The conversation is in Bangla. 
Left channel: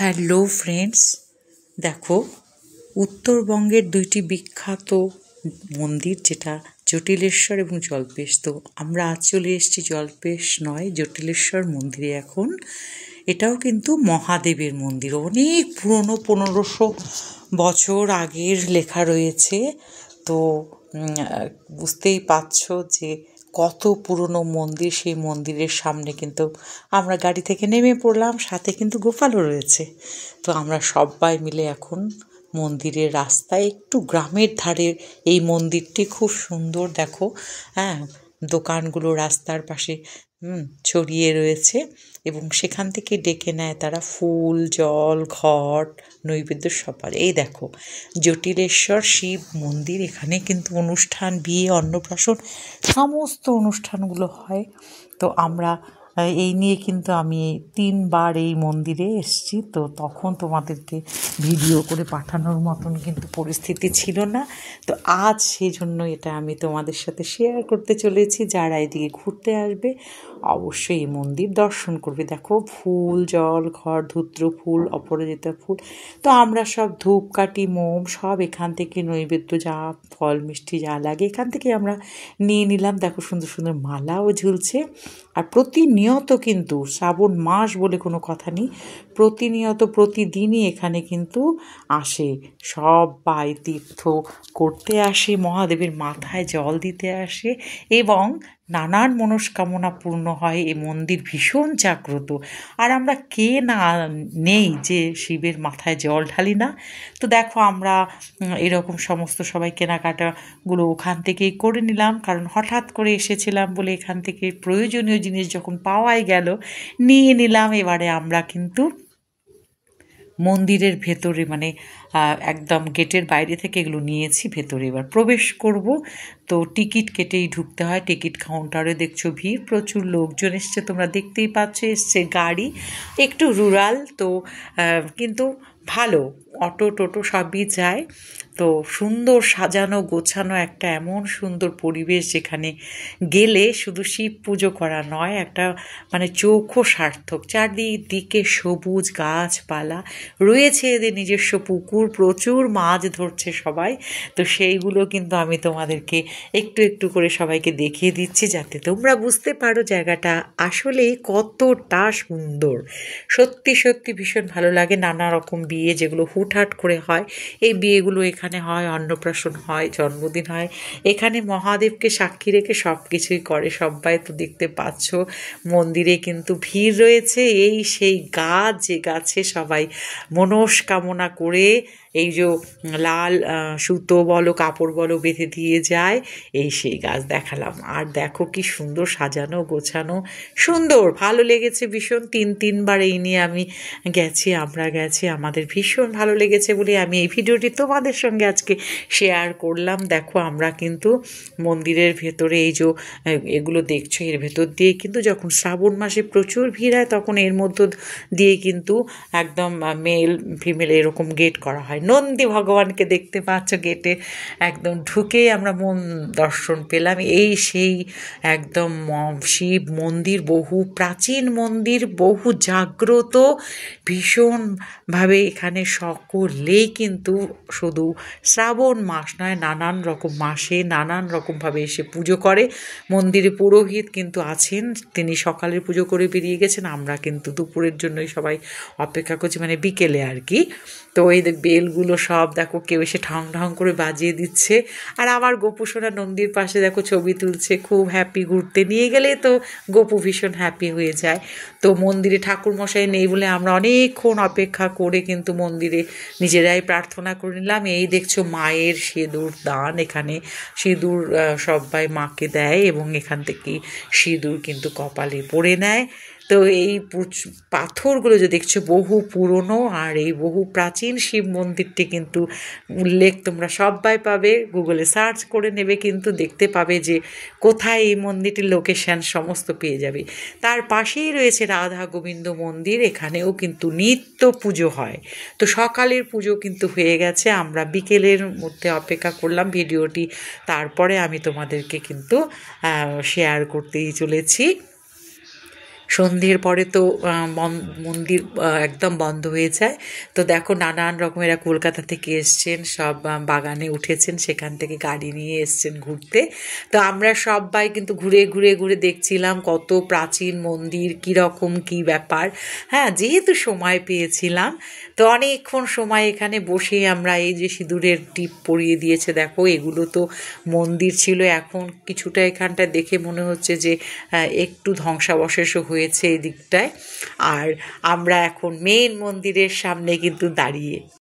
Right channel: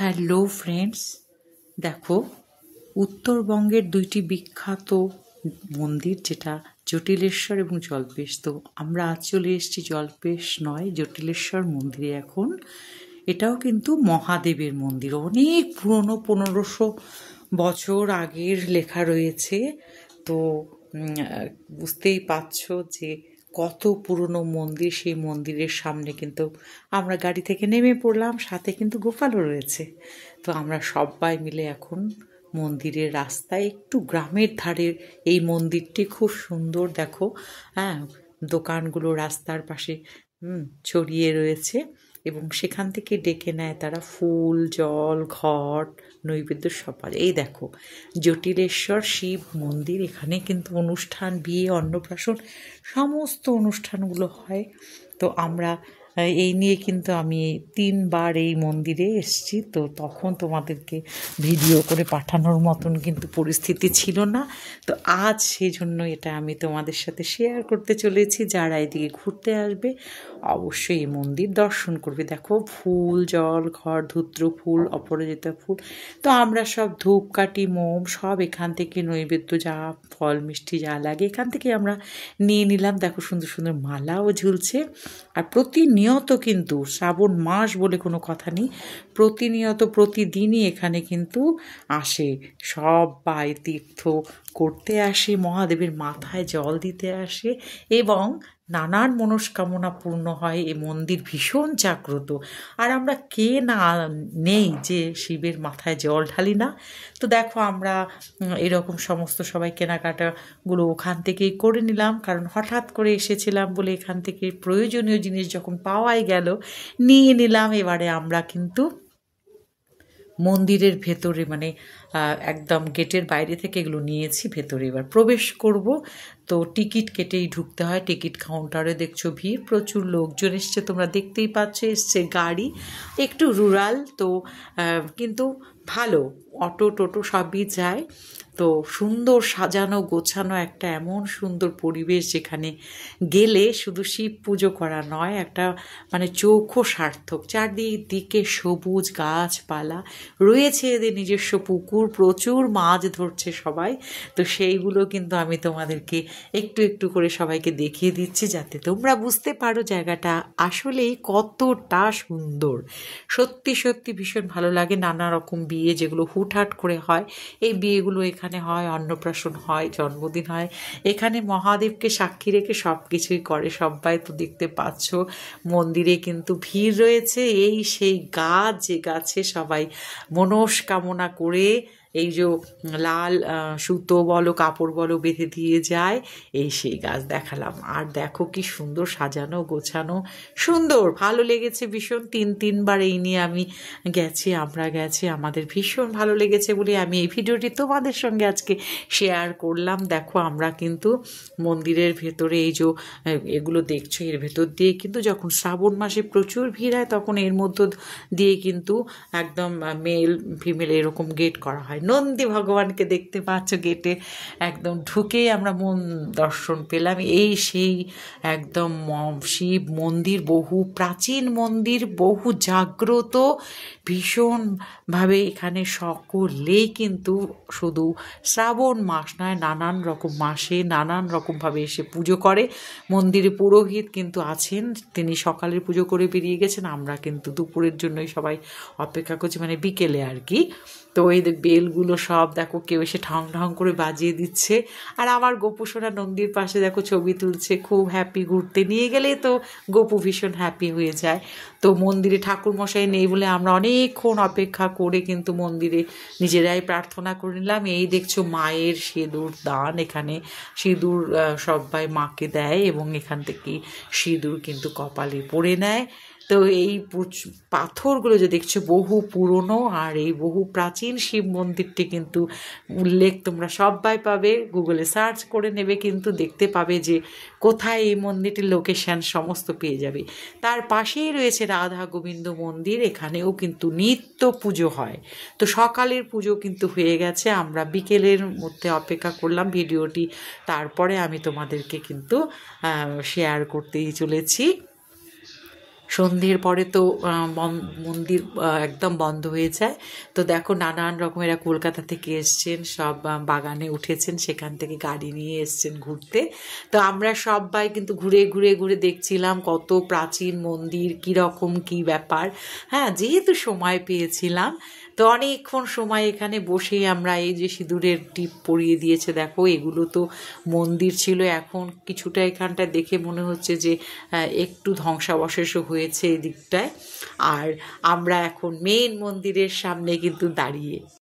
হ্যালো ফ্রেন্ডস, দেখো উত্তরবঙ্গের দুইটি বিখ্যাত মন্দির, যেটা জটিলেশ্বর এবং জল্পেশ। তো আমরা আজ চলে এসেছি জল্পেশ নয়, জটিলেশ্বর মন্দিরে। এখন এটাও কিন্তু মহাদেবের মন্দির, অনেক পুরনো, 1500 বছর আগের লেখা রয়েছে। তো বুঝতেই পারছো যে কত পুরনো মন্দির। সেই মন্দিরের সামনে কিন্তু আমরা গাড়ি থেকে নেমে পড়লাম, সাথে কিন্তু গোপালও রয়েছে। তো আমরা সবাই মিলে এখন মন্দিরের রাস্তায়, একটু গ্রামের ধারে এই মন্দিরটি, খুব সুন্দর। দেখো, হ্যাঁ, দোকানগুলো রাস্তার পাশে ছড়িয়ে রয়েছে এবং সেখান থেকে ডেকে নেয় তারা ফুল, জল, ঘট, নৈবেদ্য সবার। এই দেখো জটিলেশ্বর শিব মন্দির, এখানে কিন্তু অনুষ্ঠান, বিয়ে, অন্নপ্রাশন, সমস্ত অনুষ্ঠানগুলো হয়। তো আমরা এই নিয়ে কিন্তু আমি 3বার এই মন্দিরে এসেছি। তো তখন তোমাদেরকে ভিডিও করে পাঠানোর মতন কিন্তু পরিস্থিতি ছিল না। তো আজ সেই জন্য এটা আমি তোমাদের সাথে শেয়ার করতে চলেছি। যারা এদিকে ঘুরতে আসবে অবশ্যই এই মন্দির দর্শন করবে। দেখো ফুল, জল, ঘট, ধূত্র ফুল, অপরাজিতা ফুল। তো আমরা সব ধূপকাঠি, মোম সব এখান থেকে, নৈবেদ্য যা ফল মিষ্টি যা লাগে এখান থেকে আমরা নিয়ে নিলাম। দেখো সুন্দর সুন্দর মালাও ঝুলছে। আর প্রতিনিয়ত কিন্তু, শ্রাবণ মাস বলে কোনো কথা নেই, প্রতিনিয়ত প্রতিদিনই এখানে কিন্তু আসে সবাই, তীর্থ করতে আসে, মহাদেবের মাথায় জল দিতে আসে এবং নানান মনস্কামনা পূর্ণ হয়। এই মন্দির ভীষণ জাগ্রত। আর আমরা কে না নেই যে শিবের মাথায় জল ঢালি না। তো দেখো আমরা এরকম সমস্ত সবাই কেনাকাটাগুলো ওখান থেকেই করে নিলাম, কারণ হঠাৎ করে এসেছিলাম বলে এখান থেকে প্রয়োজনীয় জিনিস যখন পাওয়াই গেল নিয়ে নিলাম। এবারে আমরা কিন্তু মন্দিরের ভেতরে, মানে একদম গেটের বাইরে থেকে এগুলো নিয়েছি, ভেতরে এবার প্রবেশ করব। তো টিকিট কেটেই ঢুকতে হয়। টিকিট কাউন্টারে দেখছো ভিড়, প্রচুর লোকজন এসছে, তোমরা দেখতেই পাচ্ছ। এসছে গাড়ি, একটু রুরাল তো, কিন্তু ভালো, অটো টোটো সবই যায়। তো সুন্দর সাজানো গোছানো একটা এমন সুন্দর পরিবেশ, যেখানে গেলে শুধু শিব পুজো করা নয়, একটা মানে চোখও সার্থক। চারদিকে সবুজ গাছপালা রয়েছে, এদের নিজস্ব পুকুর, প্রচুর মাছ ধরছে সবাই। তো সেইগুলো কিন্তু আমি তোমাদেরকে একটু একটু করে সবাইকে দেখিয়ে দিচ্ছি, যাতে তোমরা বুঝতে পারো জায়গাটা আসলেই কতটা সুন্দর। সত্যি সত্যি ভীষণ ভালো লাগে। নানা রকম বিয়ে যেগুলো হুটহাট করে হয়, এই বিয়েগুলো এখানে হয়, অন্নপ্রাশন হয়, জন্মদিন হয়, এখানে মহাদেবকে সাক্ষী রেখে সব কিছুই করে সবাই। তো দেখতে পাচ্ছ মন্দিরে কিন্তু ভিড় রয়েছে। এই সেই গাছ, যে গাছে সবাই মনস্কামনা করে এই যে লাল সুতো বলো, কাপড় বলো, বেঁধে দিয়ে যায়, এই সেই গাছ দেখালাম। আর দেখো কি সুন্দর সাজানো গোছানো, সুন্দর, ভালো লেগেছে ভীষণ। তিনবার এই নিয়ে আমি গেছি, আমরা গেছি, আমাদের ভীষণ ভালো লেগেছে বলে আমি এই ভিডিওটি তোমাদের সঙ্গে আজকে শেয়ার করলাম। দেখো আমরা কিন্তু মন্দিরের ভেতরে এই যে এগুলো দেখছো, এর ভেতর দিয়ে কিন্তু যখন শ্রাবণ মাসে প্রচুর ভিড় হয়, তখন এর মধ্য দিয়ে কিন্তু একদম মেল ফিমেল এরকম গেট করা হয়। নন্দী ভগবানকে দেখতে পাচ্ছ গেটে একদম ঢুকেই আমরা মন দর্শন পেলাম। এই সেই একদম শিব মন্দির, বহু প্রাচীন মন্দির, বহু জাগ্রত, ভীষণভাবে এখানে সকলেই কিন্তু শুধু শ্রাবণ মাস নয়, নানান রকম মাসে নানান রকমভাবে এসে পুজো করে। মন্দিরে পুরোহিত কিন্তু আছেন, তিনি সকালের পুজো করে বেরিয়ে গেছেন। আমরা কিন্তু দুপুরের জন্যই সবাই অপেক্ষা করছি, মানে বিকেলে আর কি। তো এই বেলগুলো সব দেখো, কেউ এসে ঠং ঠং করে বাজিয়ে দিচ্ছে। আর আমার গপু সোনা নন্দীর পাশে দেখো ছবি তুলছে, খুব হ্যাপি। ঘুরতে নিয়ে গেলে তো গপু ভীষণ হ্যাপি হয়ে যায়। তো মন্দিরে ঠাকুরমশাই নেই বলে আমরা অনেকক্ষণ অপেক্ষা করে কিন্তু মন্দিরে নিজেরাই প্রার্থনা করে নিলাম। এই দেখছো মায়ের সিঁদুর দান, এখানে সিঁদুর সবাই মাকে দেয় এবং এখান থেকে সিঁদুর কিন্তু কপালে পরে নেয়। তো এই পাথরগুলো যে দেখছো বহু পুরনো, আর এই বহু প্রাচীন শিব মন্দিরটি কিন্তু উল্লেখ তোমরা সবাই পাবে, গুগলে সার্চ করে নেবে, কিন্তু দেখতে পাবে যে কোথায় এই মন্দিরটির লোকেশান সমস্ত পেয়ে যাবে। তার পাশেই রয়েছে রাধা গোবিন্দ মন্দির, এখানেও কিন্তু নিত্য পুজো হয়। তো সকালের পুজো কিন্তু হয়ে গেছে, আমরা বিকেলের মধ্যে অপেক্ষা করলাম। ভিডিওটি তারপরে আমি তোমাদেরকে কিন্তু শেয়ার করতেই চলেছি। সন্ধ্যের পরে তো মন্দির একদম বন্ধ হয়ে যায়। তো দেখো নানান রকমেরা কলকাতা থেকে এসছেন, সব বাগানে উঠেছেন, সেখান থেকে গাড়ি নিয়ে এসছেন ঘুরতে। তো আমরা সবাই কিন্তু ঘুরে ঘুরে ঘুরে দেখছিলাম কত প্রাচীন মন্দির, কীরকম কী ব্যাপার। হ্যাঁ, যেহেতু সময় পেয়েছিলাম তো অনেকক্ষণ সময় এখানে বসে আমরা এই যে সিঁদুরের টিপ পরিয়ে দিয়েছে দেখো, এগুলো তো মন্দির ছিল। এখন কিছুটা এখানটা দেখে মনে হচ্ছে যে একটু ধ্বংসাবশেষও হয়েছে এই দিকটায়। আর আমরা এখন মেন মন্দিরের সামনে কিন্তু দাঁড়িয়ে।